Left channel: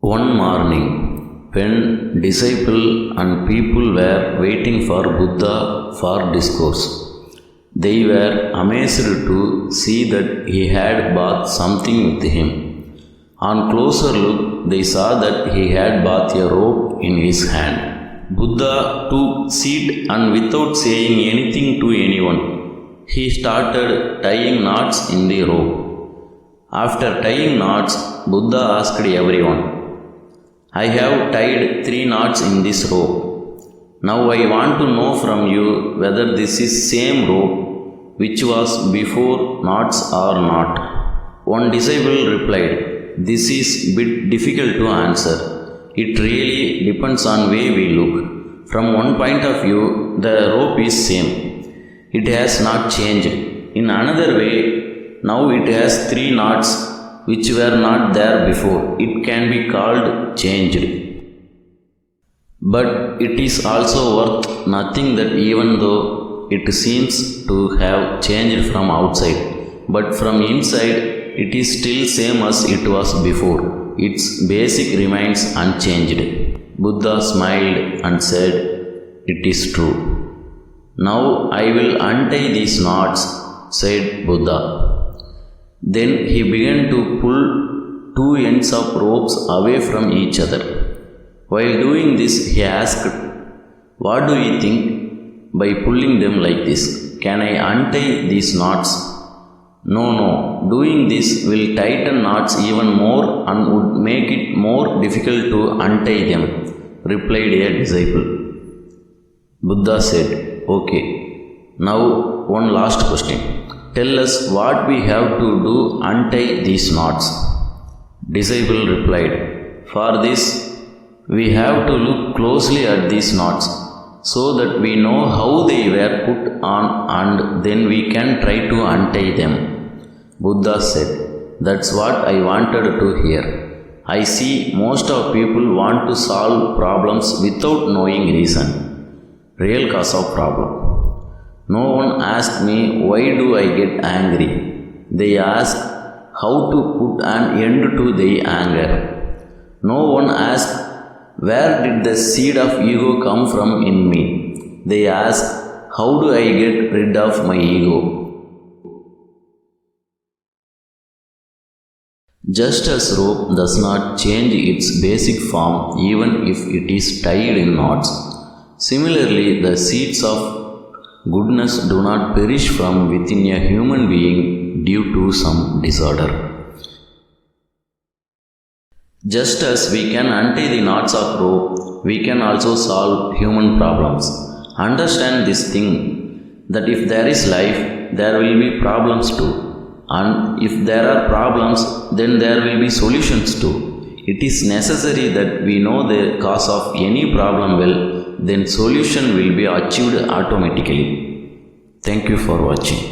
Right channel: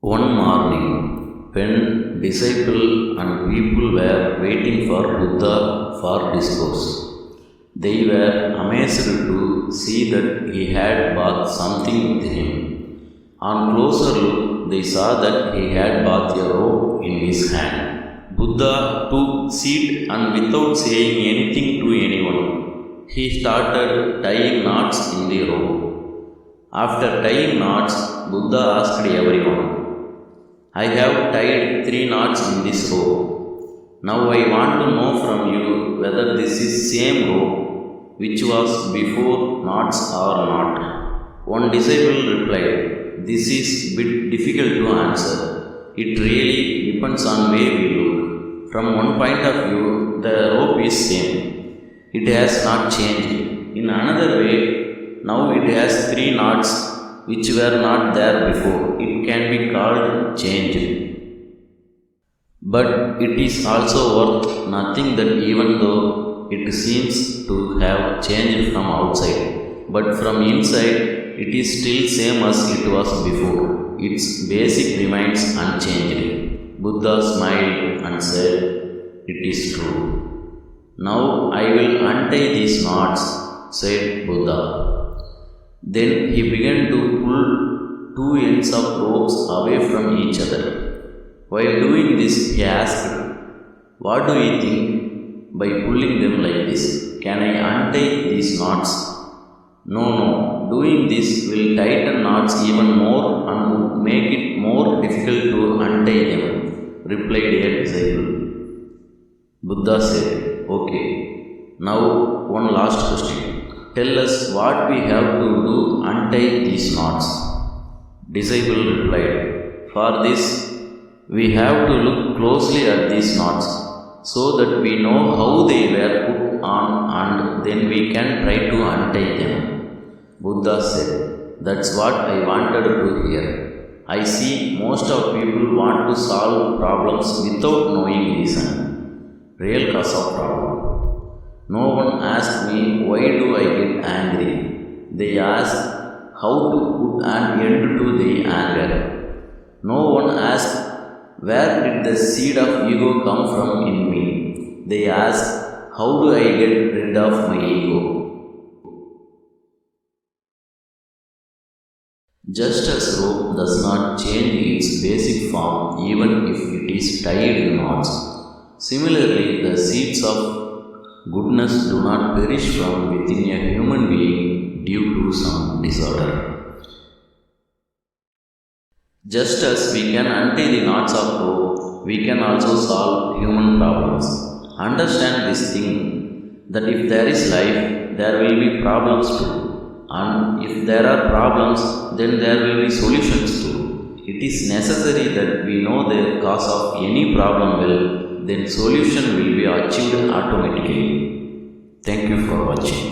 One morning, when disciple and people were waiting for Buddha for discourse, they were amazed to see that he had brought something with him. On closer look, they saw that he had brought a rope in his hand. Buddha took seat and without saying anything to anyone, he started tying knots in the rope. After tying knots, Buddha asked everyone, "I have tied 3 knots in this rope. Now I want to know from you whether this is same rope which was before knots or not." One disciple replied, "This is bit difficult to answer. It really depends on way we look. From one point of view, the rope is same. It has not changed. In another way, now it has 3 knots which were not there before. It can be called changed. But it is also worth nothing that even though it seems to have changed from outside, but from inside it is still same as it was before. Its basic remains unchanged." Buddha smiled and said, "It is true. Now I will untie these knots," said Buddha. Then he began to pull 2 ends of ropes away from each other. While doing this, he asked, "What do you think by pulling them like this? Can I untie these knots?" No, doing this will tighten knots even more and would make it more difficult to untie them," replied a disciple. Buddha said, "Okay, now one last question. Tell us what we have to do untie these knots." Disciple replied, "For this, we have to look closely at these knots so that we know how they were put on and then we can try to untie them." Buddha said, "That's what I wanted to hear. I see most of people want to solve problems without knowing reason, real cause of problem. No one asked me why do I get angry. They ask how to put an end to their anger. No one asked where did the seed of ego come from in me. They ask how do I get rid of my ego." Just as rope does not change its basic form even if it is tied in knots, similarly the seeds of goodness do not perish from within a human being due to some disorder. Just as we can untie the knots of rope, we can also solve human problems. Understand this thing, that if there is life, there will be problems too. And if there are problems, then there will be solutions too. It is necessary that we know the cause of any problem well, then solution will be achieved automatically. Thank you for watching.